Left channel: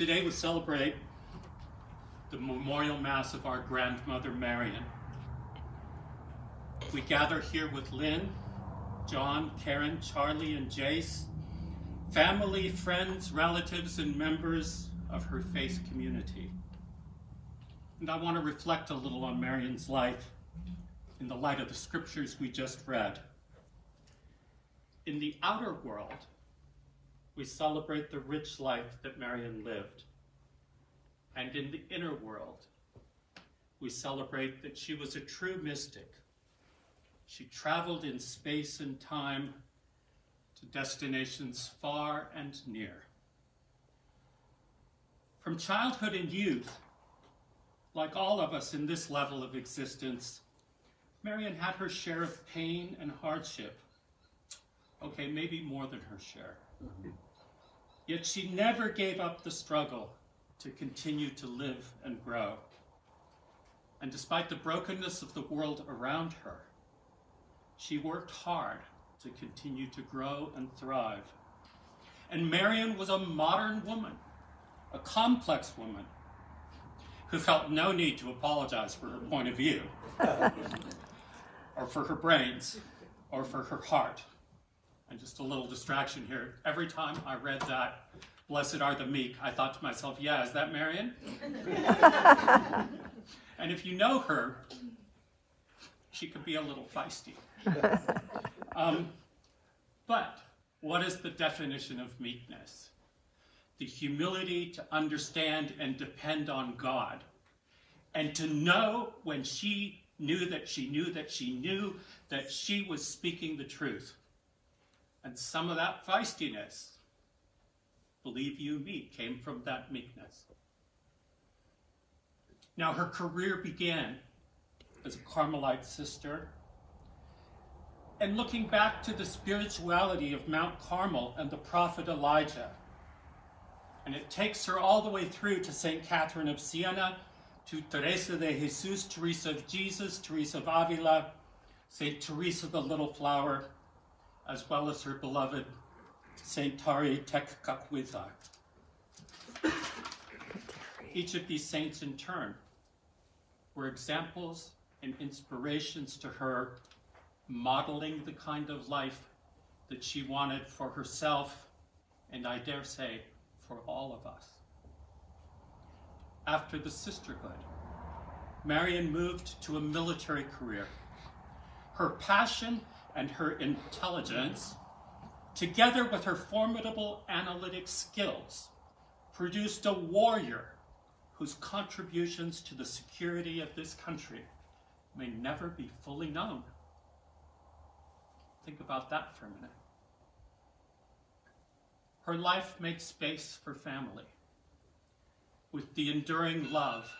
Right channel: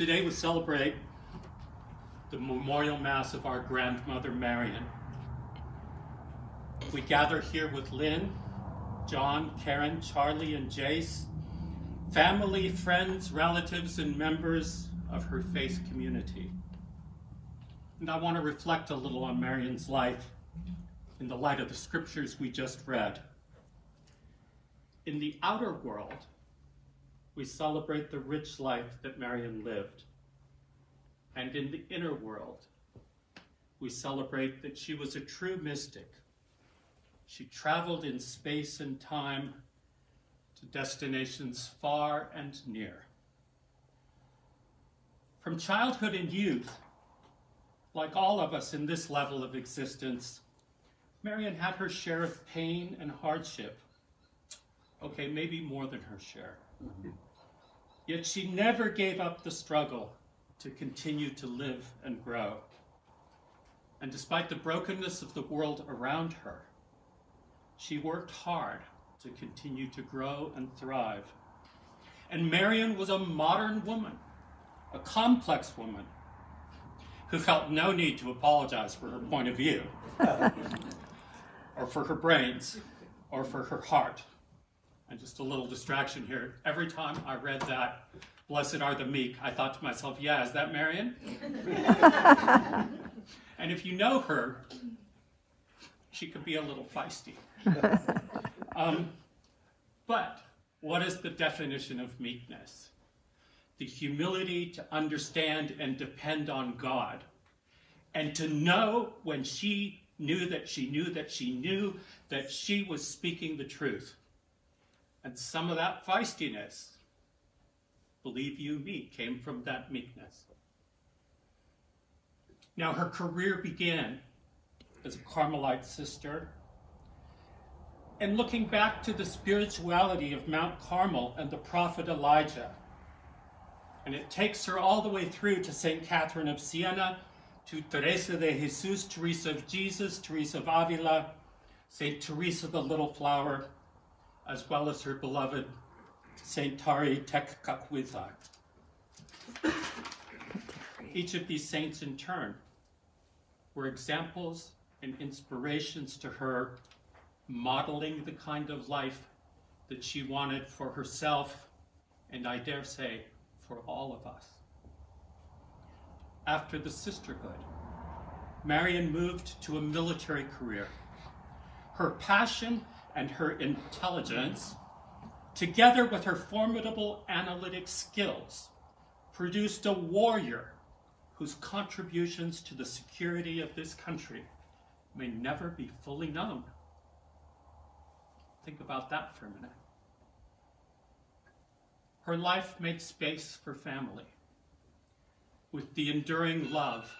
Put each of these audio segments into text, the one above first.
Today we celebrate the memorial mass of our grandmother, Marian. We gather here with Lynn, John, Karen, Charlie, and Jace, family, friends, relatives, and members of her faith community. And I want to reflect a little on Marian's life in the light of the scriptures we just read. In the outer world, we celebrate the rich life that Marian lived. And in the inner world, we celebrate that she was a true mystic. She traveled in space and time to destinations far and near. From childhood and youth, like all of us in this level of existence, Marian had her share of pain and hardship. Okay, maybe more than her share. Yet she never gave up the struggle to continue to live and grow. And despite the brokenness of the world around her, she worked hard to continue to grow and thrive. And Marian was a modern woman, a complex woman, who felt no need to apologize for her point of view, or for her brains, or for her heart. And just a little distraction here. Every time I read that, blessed are the meek, I thought to myself, yeah, is that Marian? And if you know her, she could be a little feisty. But what is the definition of meekness? The humility to understand and depend on God, and to know when she knew that she knew that she knew that she was speaking the truth. And some of that feistiness, believe you me, came from that meekness. Now, her career began as a Carmelite sister. And looking back to the spirituality of Mount Carmel and the prophet Elijah, and it takes her all the way through to St. Catherine of Siena, to Teresa de Jesus, Teresa of Jesus, Teresa of Avila, St. Teresa the Little Flower, as well as her beloved St. Tari Tekkakwitha. Each of these saints in turn were examples and inspirations to her, modeling the kind of life that she wanted for herself, and I dare say, for all of us. After the sisterhood, Marian moved to a military career. Her passion and her intelligence, together with her formidable analytic skills, produced a warrior whose contributions to the security of this country may never be fully known. Think about that for a minute. Her life made space for family, with the enduring love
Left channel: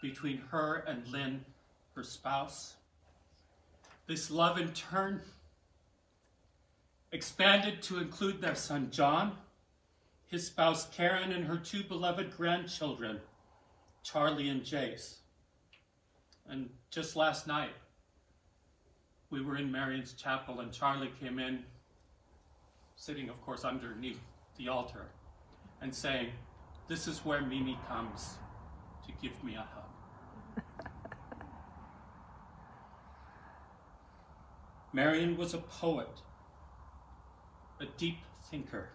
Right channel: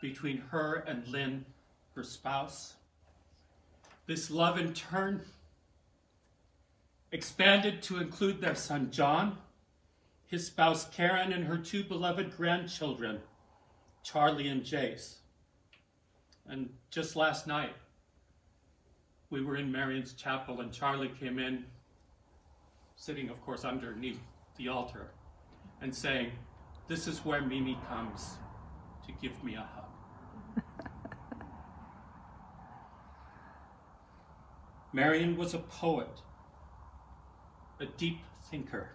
between her and Lynn, her spouse. This love, in turn, expanded to include their son, John, his spouse, Karen, and her two beloved grandchildren, Charlie and Jace. And just last night, we were in Marian's chapel, and Charlie came in, sitting, of course, underneath the altar, and saying, "This is where Mimi comes to give me a hug." Marian was a poet, a deep thinker,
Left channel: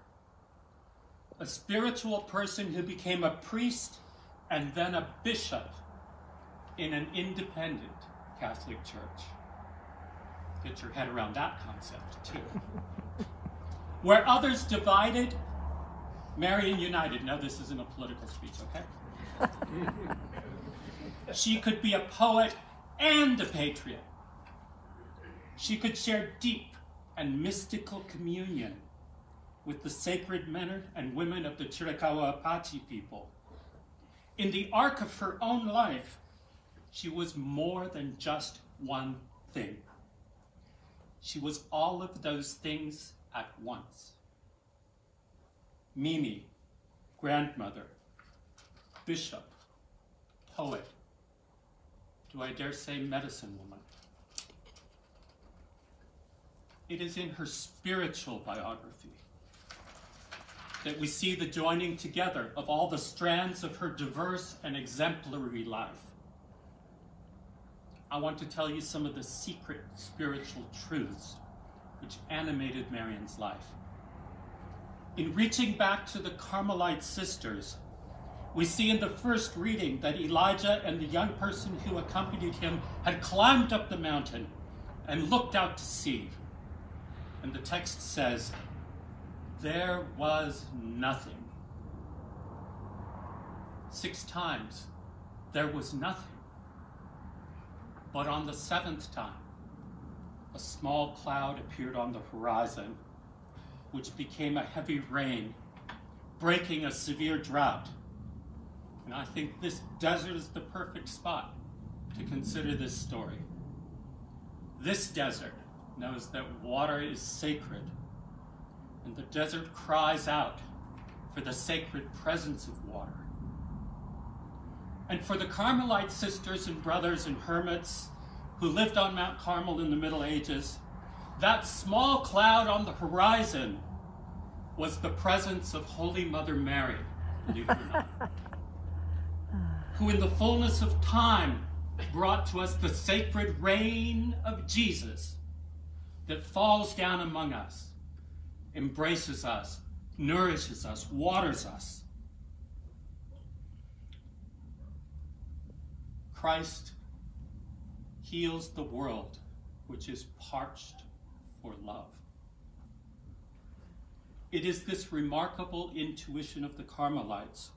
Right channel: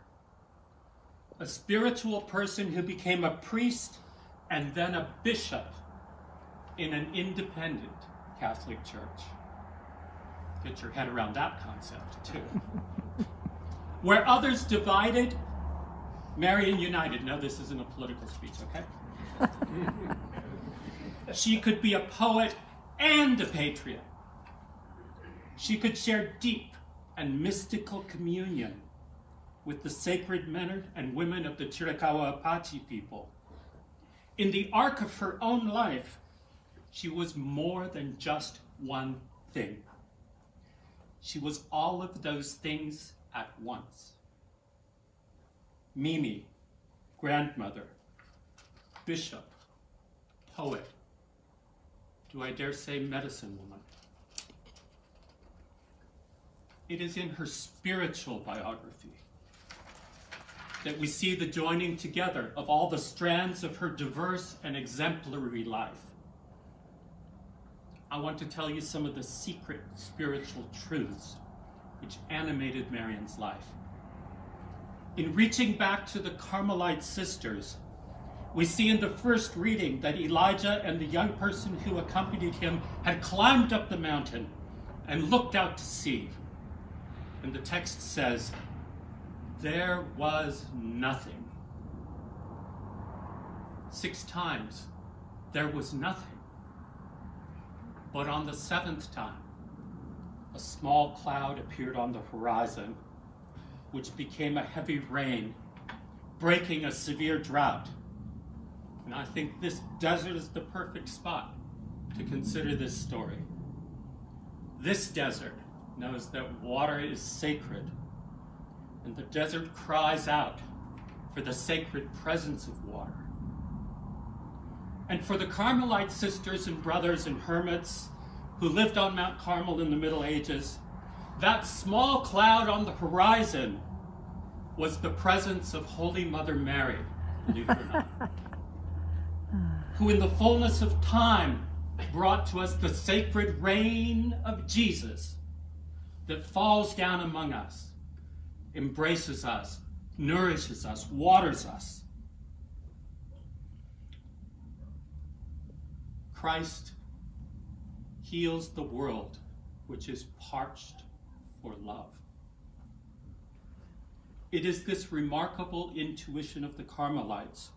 a spiritual person who became a priest and then a bishop in an independent Catholic church. Get your head around that concept, too. Where others divided, Marian united. Now, this isn't a political speech, okay? She could be a poet and a patriot. She could share deep and mystical communion with the sacred men and women of the Chiricahua Apache people. In the arc of her own life, she was more than just one thing. She was all of those things at once. Mimi, grandmother, bishop, poet, do I dare say medicine woman? It is in her spiritual biography that we see the joining together of all the strands of her diverse and exemplary life. I want to tell you some of the secret spiritual truths which animated Marian's life. In reaching back to the Carmelite sisters, we see in the first reading that Elijah and the young person who accompanied him had climbed up the mountain and looked out to sea. And the text says, there was nothing. 6 times, there was nothing. But on the 7th time, a small cloud appeared on the horizon, which became a heavy rain, breaking a severe drought. And I think this desert is the perfect spot to consider this story. This desert knows that water is sacred, and the desert cries out for the sacred presence of water. And for the Carmelite sisters and brothers and hermits who lived on Mount Carmel in the Middle Ages, that small cloud on the horizon was the presence of Holy Mother Mary, believe it or not, who in the fullness of time brought to us the sacred rain of Jesus that falls down among us, embraces us, nourishes us, waters us. Christ heals the world which is parched for love. It is this remarkable intuition of the Carmelites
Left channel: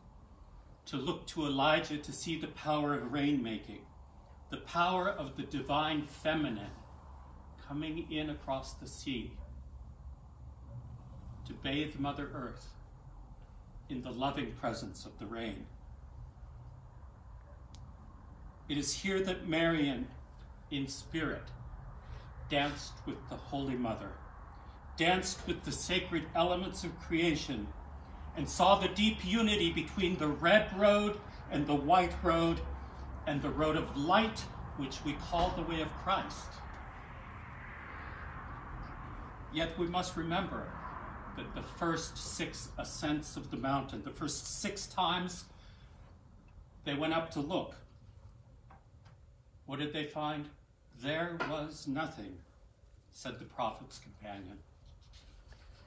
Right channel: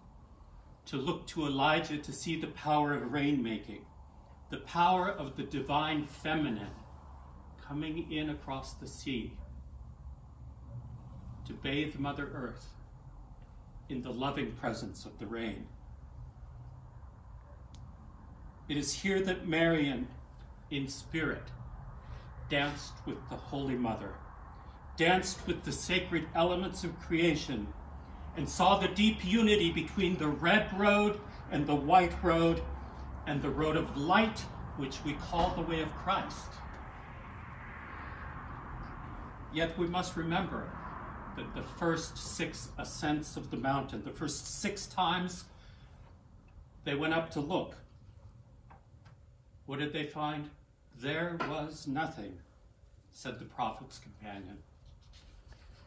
to look to Elijah to see the power of rainmaking, the power of the divine feminine coming in across the sea to bathe Mother Earth in the loving presence of the rain. It is here that Marian, in spirit, danced with the Holy Mother, danced with the sacred elements of creation, and saw the deep unity between the red road and the white road and the road of light, which we call the way of Christ. Yet we must remember that the first 6 ascents of the mountain, the first 6 times they went up to look, what did they find? There was nothing, said the prophet's companion.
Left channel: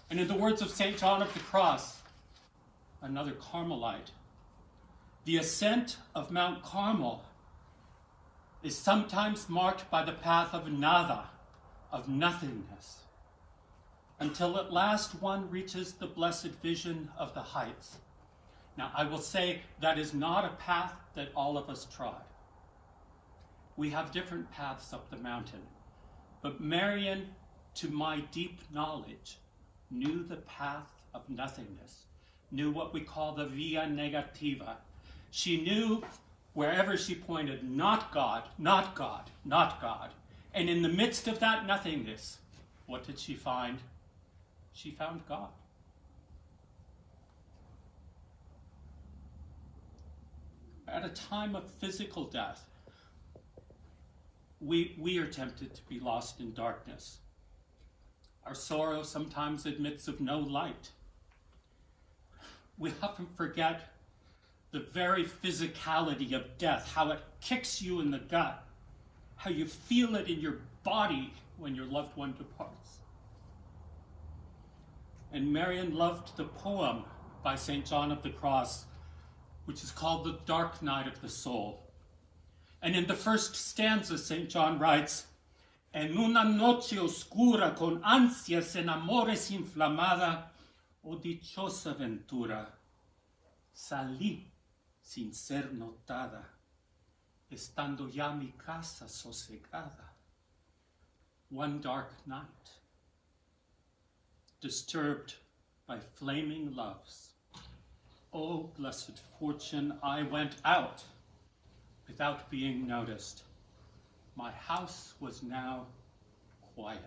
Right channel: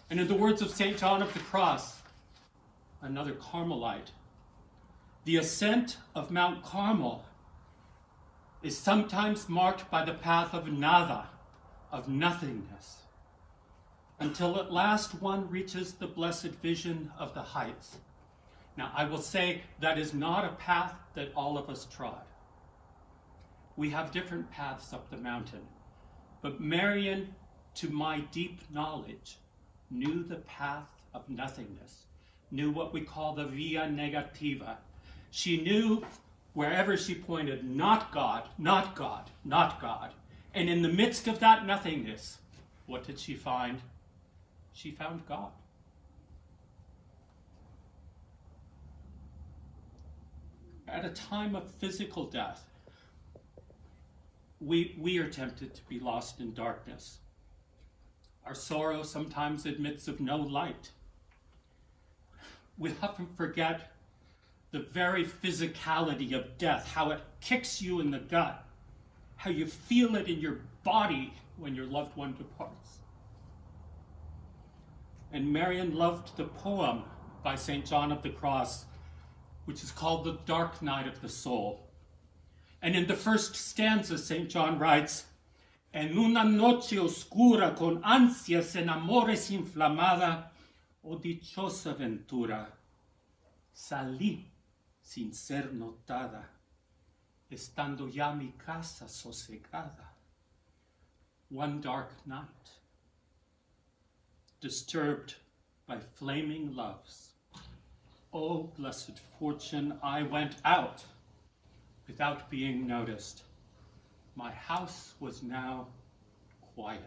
And in the words of St. John of the Cross, another Carmelite, the ascent of Mount Carmel is sometimes marked by the path of nada, of nothingness, until at last one reaches the blessed vision of the heights. Now, I will say that is not a path that all of us trod. We have different paths up the mountain, but Marian, to my deep knowledge, knew the path of nothingness, knew what we call the via negativa. She knew wherever she pointed, not God, not God, not God. And in the midst of that nothingness, what did she find? She found God. At a time of physical death, we are tempted to be lost in darkness. Our sorrow sometimes admits of no light. We often forget the very physicality of death, how it kicks you in the gut, how you feel it in your body when your loved one departs. And Marian loved the poem by St. John of the Cross, which is called The Dark Night of the Soul. And in the first stanza, St. John writes, En una noche oscura con ansias en amores inflamada, oh dichosa ventura, salí sin ser notada, estando ya mi casa sosegada. One dark night, disturbed by flaming loves, oh blessed fortune, I went out without being noticed. My house was now quiet.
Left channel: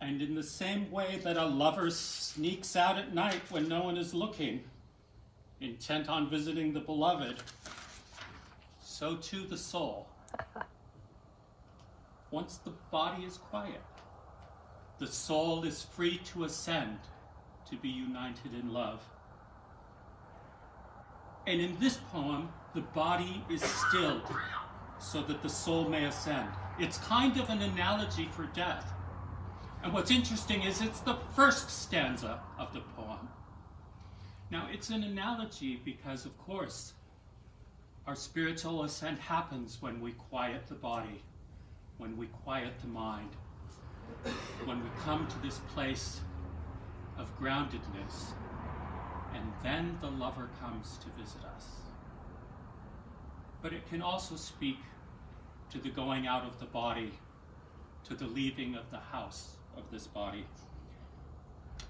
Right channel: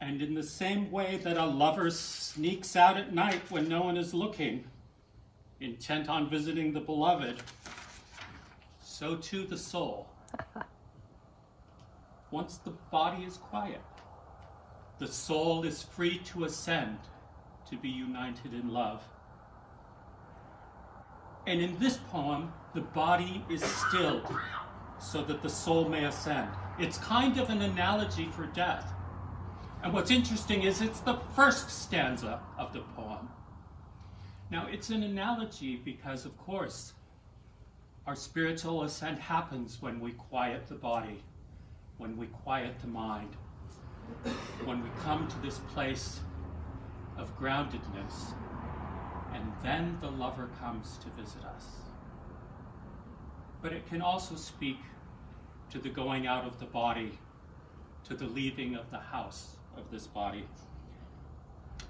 And in the same way that a lover sneaks out at night when no one is looking, intent on visiting the beloved, so too the soul. Once the body is quiet, the soul is free to ascend, to be united in love. And in this poem, the body is stilled so that the soul may ascend. It's kind of an analogy for death. And what's interesting is it's the first stanza of the poem. Now, it's an analogy because, of course, our spiritual ascent happens when we quiet the body, when we quiet the mind, when we come to this place of groundedness, and then the lover comes to visit us. But it can also speak to the going out of the body, to the leaving of the house of this body.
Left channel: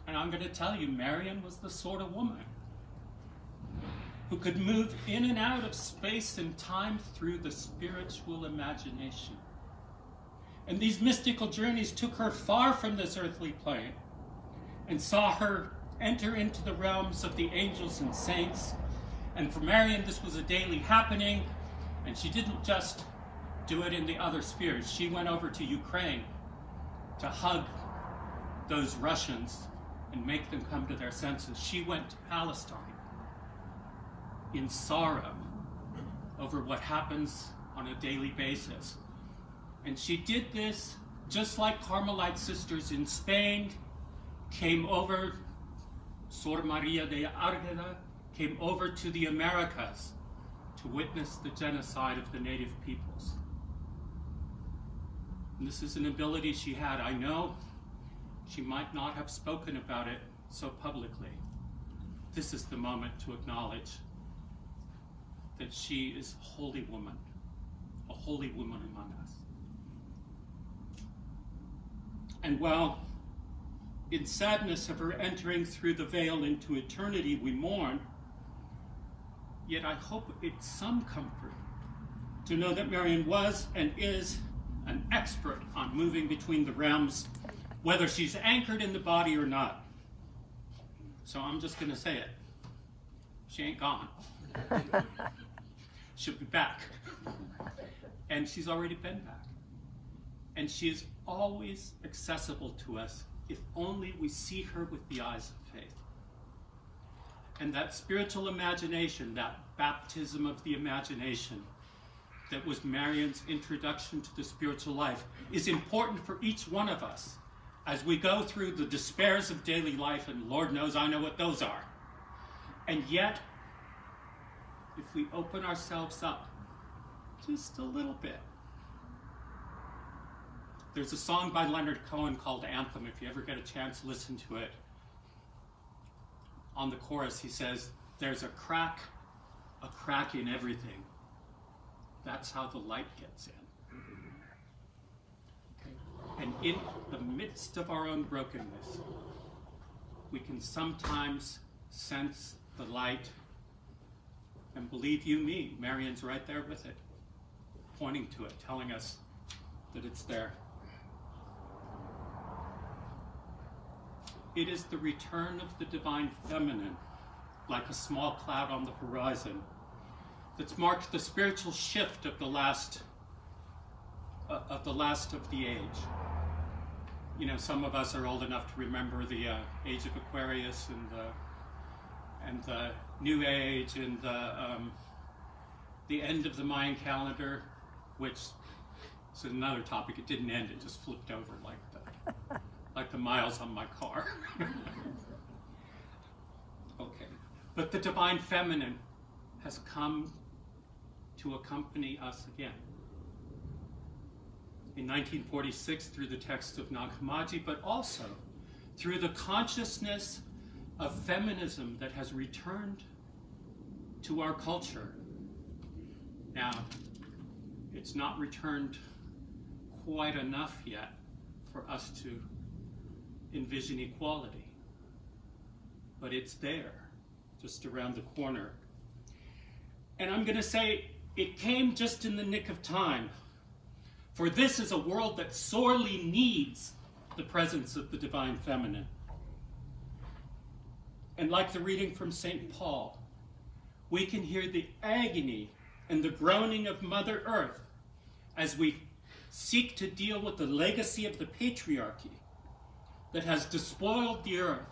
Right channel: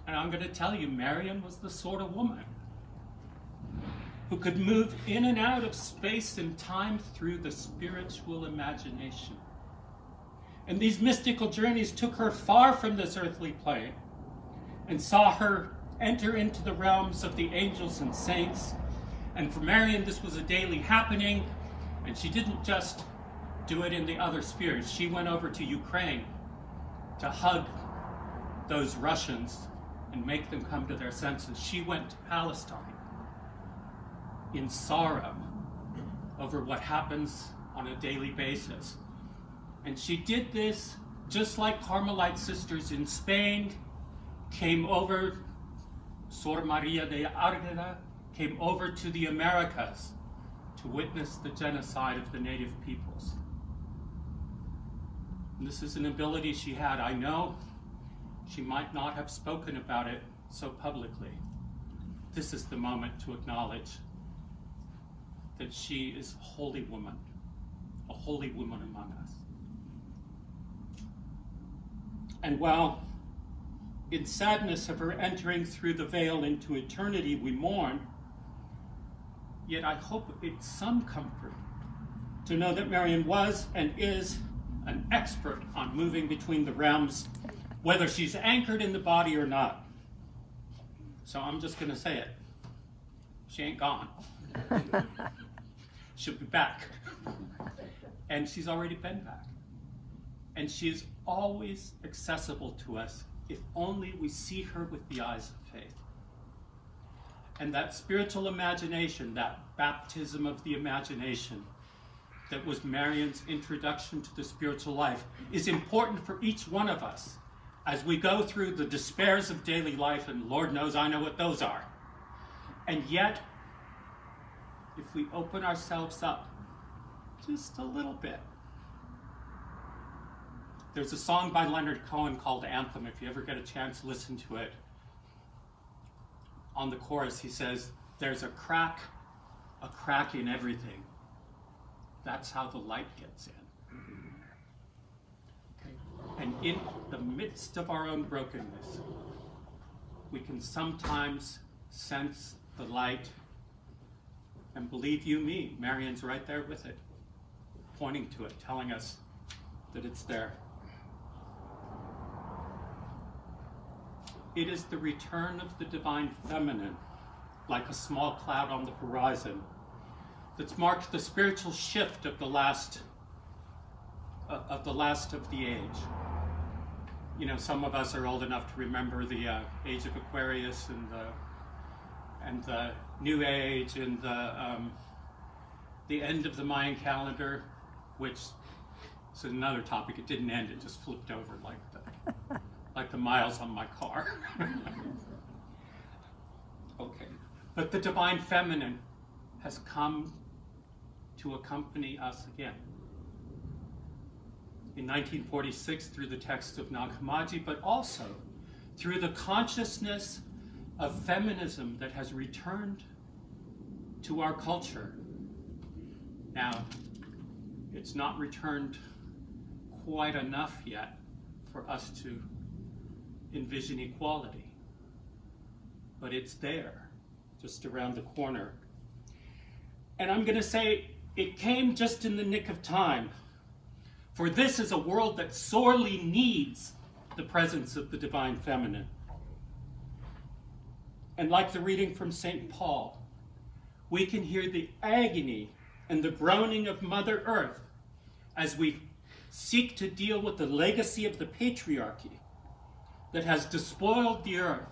And I'm going to tell you, Marian was the sort of woman who could move in and out of space and time through the spiritual imagination. And these mystical journeys took her far from this earthly plane and saw her enter into the realms of the angels and saints. And for Marian, this was a daily happening, and she didn't just do it in the other spheres. She went over to Ukraine to hug those Russians and make them come to their senses. She went to Palestine in sorrow over what happens on a daily basis. And she did this just like Carmelite sisters in Spain came over, Sor Maria de Argena came over to the Americas to witness the genocide of the native peoples. And this is an ability she had. I know she might not have spoken about it so publicly. This is the moment to acknowledge that she is a holy woman among us. And while in sadness of her entering through the veil into eternity we mourn, yet I hope it's some comfort to know that Marian was and is an expert on moving between the realms, whether she's anchored in the body or not. So I'm just going to say it. She ain't gone. She'll be back. And she's already been back. And she is always accessible to us if only we see her with the eyes of faith. And that spiritual imagination, that baptism of the imagination that was Marian's introduction to the spiritual life, is important for each one of us as we go through the despairs of daily life, and Lord knows I know what those are. And yet, if we open ourselves up just a little bit. There's a song by Leonard Cohen called Anthem. If you ever get a chance, listen to it. On the chorus, he says, there's a crack in everything. That's how the light gets in. Okay? And in the midst of our own brokenness, we can sometimes sense the light. And believe you me, Marian's right there with it, pointing to it, telling us that it's there. It is the return of the divine feminine, like a small cloud on the horizon, that's marked the spiritual shift of the last of the age. You know, some of us are old enough to remember the age of Aquarius and the New Age and the end of the Mayan calendar, which is another topic. It didn't end; it just flipped over like the miles on my car. Okay, but the divine feminine has come to accompany us again. In 1946 through the text of Nag Hammadi, but also through the consciousness of feminism that has returned to our culture. Now, it's not returned quite enough yet for us to envision equality, but it's there, just around the corner. And I'm going to say it came just in the nick of time, for this is a world that sorely needs the presence of the divine feminine. And like the reading from St. Paul, we can hear the agony and the groaning of Mother Earth as we seek to deal with the legacy of the patriarchy that has despoiled the earth,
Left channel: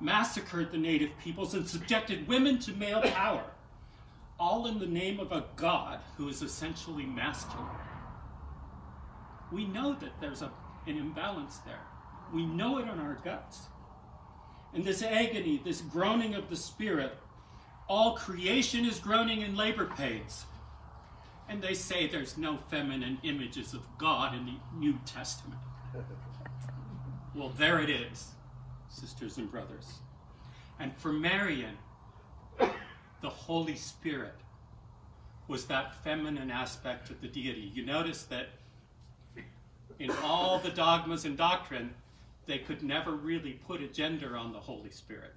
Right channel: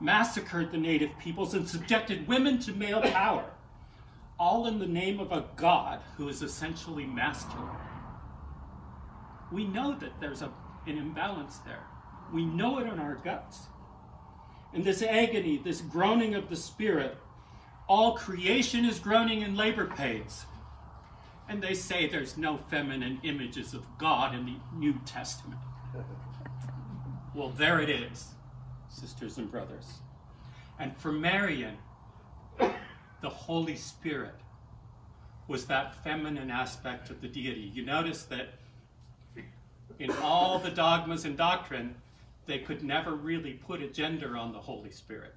massacred the native peoples, and subjected women to male power, all in the name of a God who is essentially masculine. We know that there's an imbalance there. We know it in our guts. And this agony, this groaning of the spirit, all creation is groaning in labor pains. And they say there's no feminine images of God in the New Testament. Well, there it is, sisters and brothers. And for Marian, the Holy Spirit was that feminine aspect of the deity. You notice that in all the dogmas and doctrine, they could never really put a gender on the Holy Spirit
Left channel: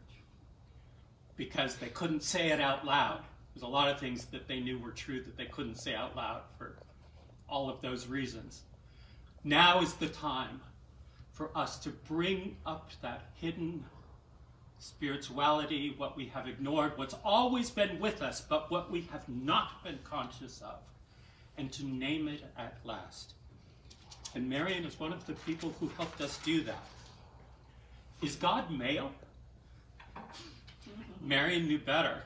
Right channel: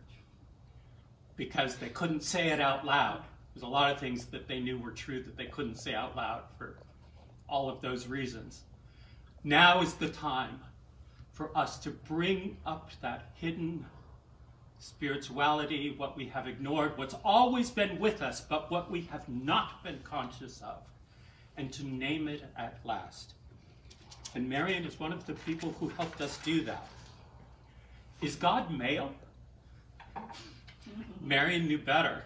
because they couldn't say it out loud. There's a lot of things that they knew were true that they couldn't say out loud for all of those reasons. Now is the time for us to bring up that hidden spirituality, what we have ignored, what's always been with us, but what we have not been conscious of, and to name it at last. And Marian is one of the people who helped us do that. Is God male? Marian knew better.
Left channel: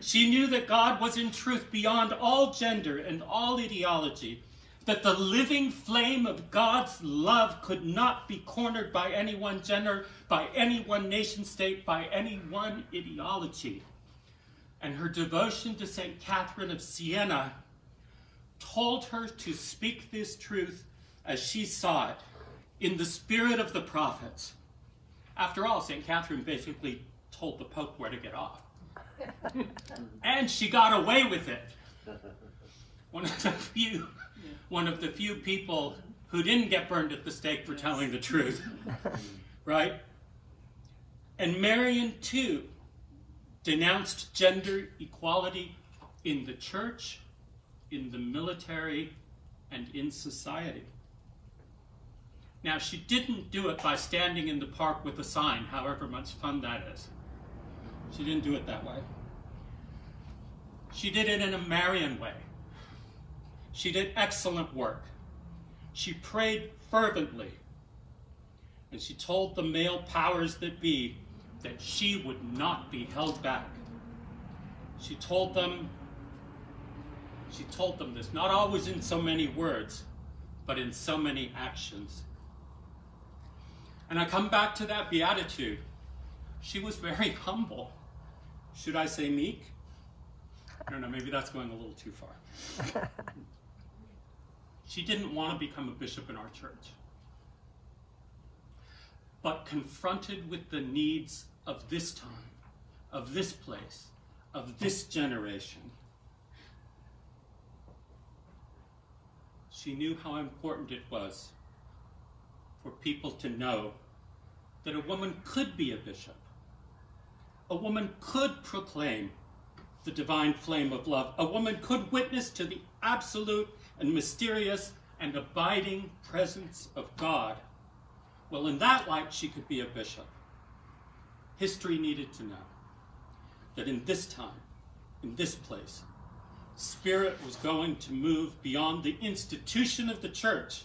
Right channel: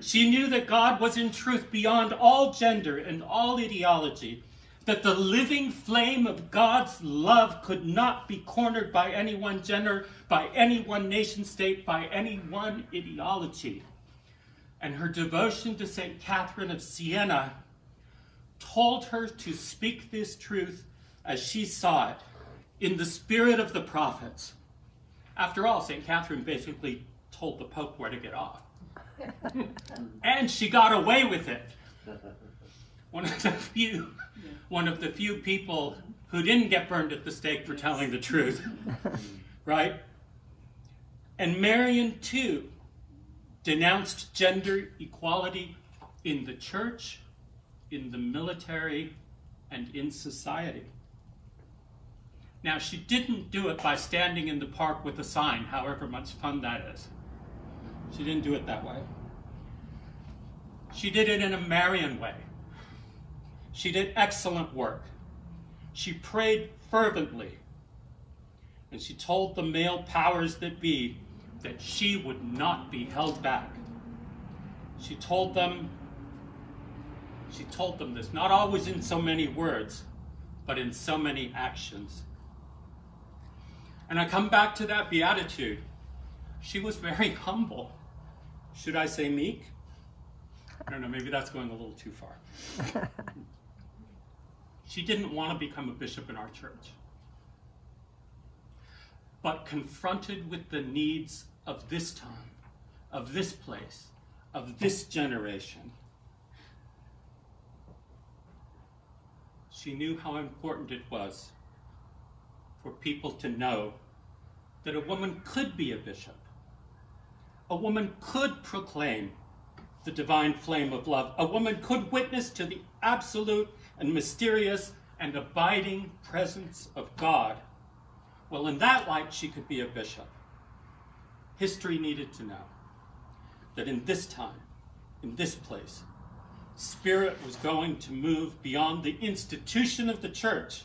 She knew that God was in truth beyond all gender and all ideology, that the living flame of God's love could not be cornered by any one gender, by any one nation state, by any one ideology. And her devotion to St. Catherine of Siena told her to speak this truth as she saw it, in the spirit of the prophets. After all, St. Catherine basically told the Pope where to get off. And she got away with it. One of the few people who didn't get burned at the stake for telling the truth, right? And Marian, too, denounced gender equality in the church, in the military, and in society. Now, she didn't do it by standing in the park with a sign, however much fun that is. She didn't do it that way. She did it in a Marian way. She did excellent work. She prayed fervently. And she told the male powers that be that she would not be held back. She told them this, not always in so many words, but in so many actions. And I come back to that beatitude. She was very humble. Should I say meek? I don't know, maybe that's going a little too far. She didn't want to become a bishop in our church. But confronted with the needs of this time, of this place, of this generation, she knew how important it was for people to know that a woman could be a bishop. A woman could proclaim the divine flame of love. A woman could witness to the absolute and mysterious and abiding presence of God. Well, in that light, she could be a bishop. History needed to know that in this time, in this place, Spirit was going to move beyond the institution of the church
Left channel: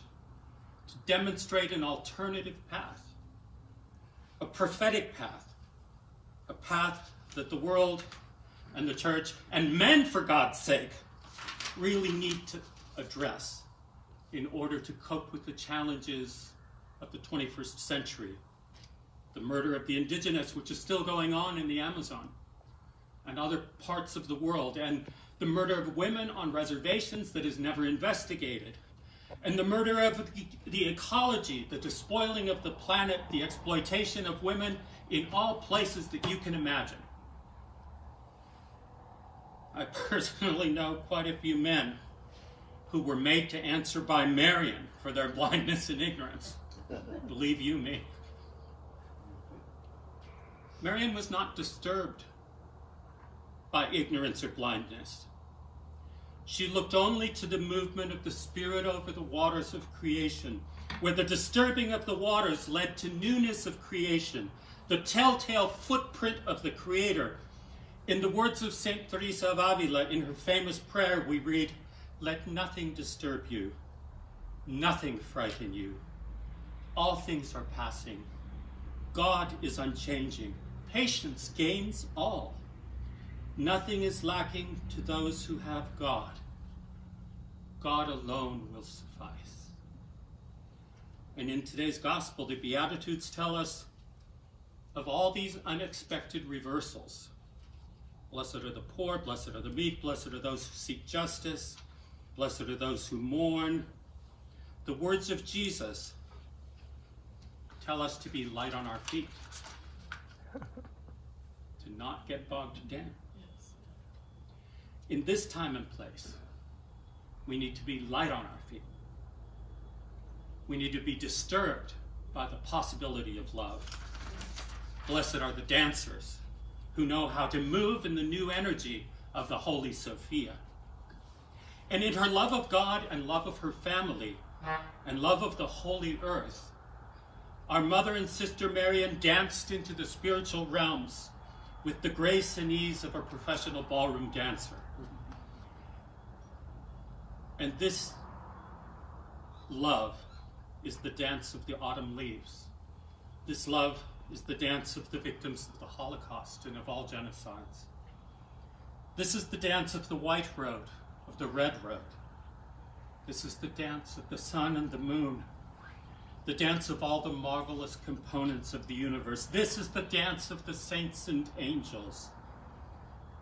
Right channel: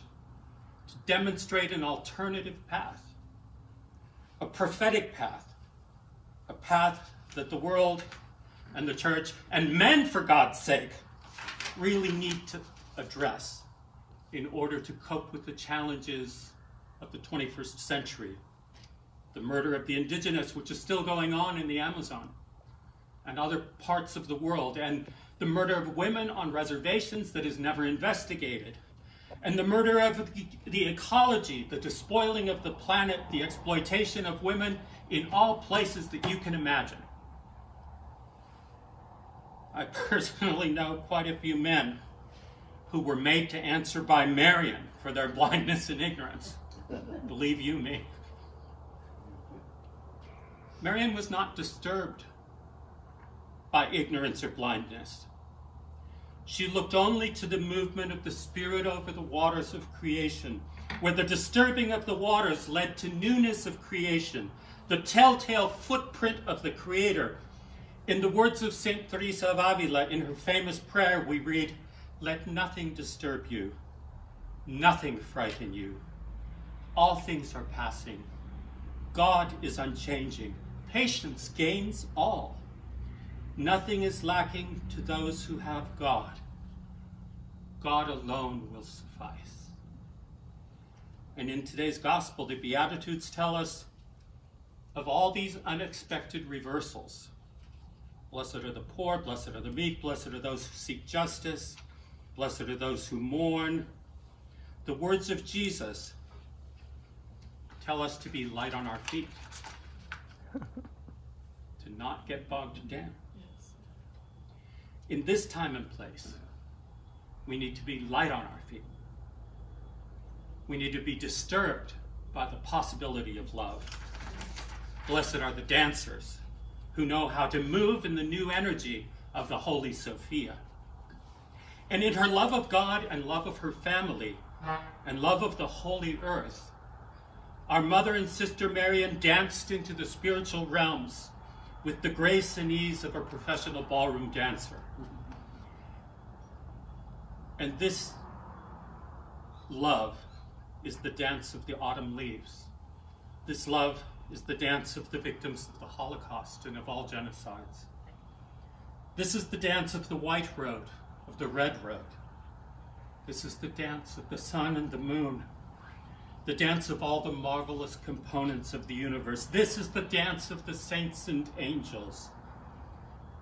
to demonstrate an alternative path, a prophetic path, a path that the world and the church and men, for God's sake, really need to address in order to cope with the challenges of the 21st century. The murder of the indigenous, which is still going on in the Amazon and other parts of the world, and the murder of women on reservations that is never investigated, and the murder of the ecology, the despoiling of the planet, the exploitation of women in all places that you can imagine. I personally know quite a few men who were made to answer by Marian for their blindness and ignorance. Believe you me. Marian was not disturbed by ignorance or blindness. She looked only to the movement of the Spirit over the waters of creation, where the disturbing of the waters led to newness of creation, the telltale footprint of the Creator. In the words of St. Teresa of Avila, in her famous prayer, we read, "Let nothing disturb you, nothing frighten you. All things are passing. God is unchanging. Patience gains all. Nothing is lacking to those who have God. God alone will suffice. And in today's gospel, the Beatitudes tell us of all these unexpected reversals. Blessed are the poor, blessed are the meek, blessed are those who seek justice, blessed are those who mourn. The words of Jesus tell us to be light on our feet, to not get bogged down. In this time and place, we need to be light on our feet. We need to be disturbed by the possibility of love. Blessed are the dancers who know how to move in the new energy of the Holy Sophia. And in her love of God and love of her family and love of the Holy Earth, our mother and sister Marian danced into the spiritual realms with the grace and ease of a professional ballroom dancer. And this love is the dance of the autumn leaves. This love is the dance of the victims of the Holocaust and of all genocides. This is the dance of the white road, of the red road. This is the dance of the sun and the moon, the dance of all the marvelous components of the universe. This is the dance of the saints and angels.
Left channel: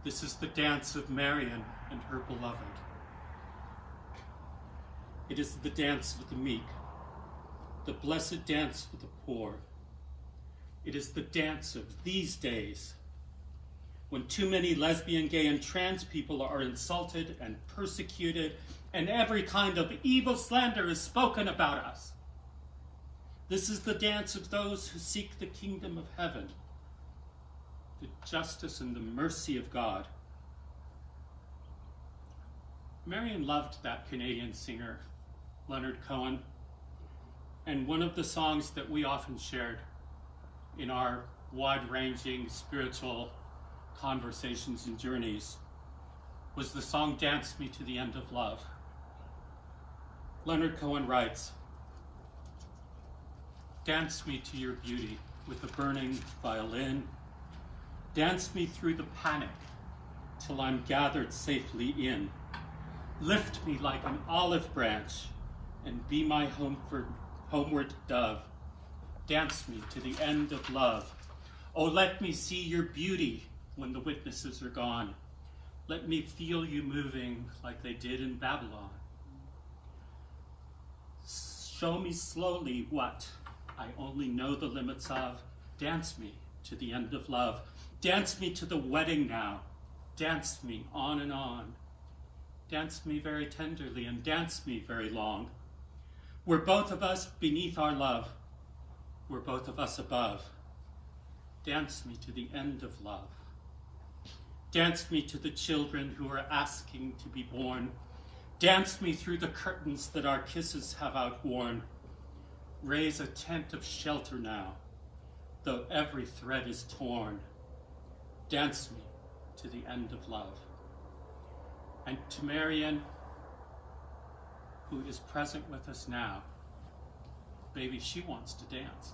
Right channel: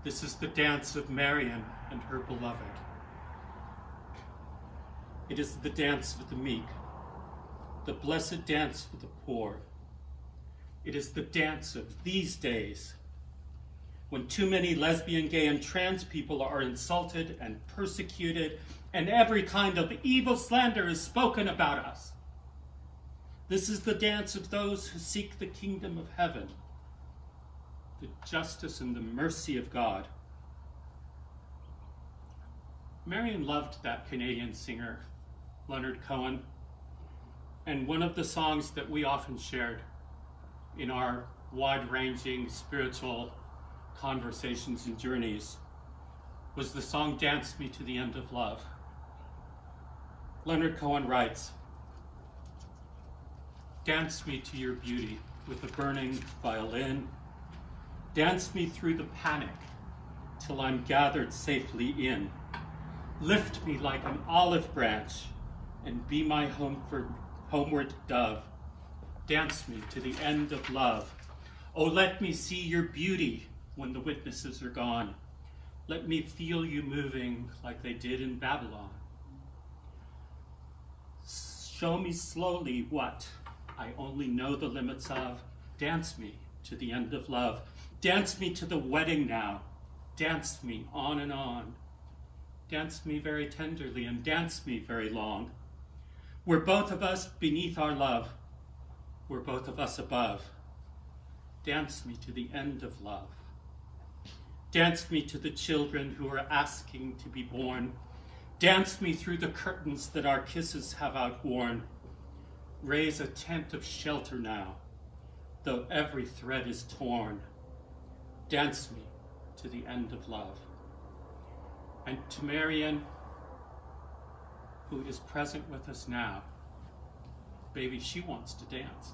This is the dance of Marian and her beloved. It is the dance of the meek, the blessed dance for the poor. It is the dance of these days, when too many lesbian, gay, and trans people are insulted and persecuted, and every kind of evil slander is spoken about us. This is the dance of those who seek the kingdom of heaven, the justice and the mercy of God. Marian loved that Canadian singer, Leonard Cohen, and one of the songs that we often shared in our wide-ranging spiritual conversations and journeys was the song Dance Me to the End of Love. Leonard Cohen writes, "Dance me to your beauty with a burning violin. Dance me through the panic till I'm gathered safely in. Lift me like an olive branch and be my homeward dove. Dance me to the end of love. Oh, let me see your beauty when the witnesses are gone. Let me feel you moving like they did in Babylon. Show me slowly what I only know the limits of. Dance me to the end of love. Dance me to the wedding now. Dance me on and on. Dance me very tenderly and dance me very long. We're both of us beneath our love. We're both of us above. Dance me to the end of love. Dance me to the children who are asking to be born. Dance me through the curtains that our kisses have outworn. Raise a tent of shelter now, though every thread is torn. Dance me to the end of love." And to Marian, who is present with us now, baby, she wants to dance.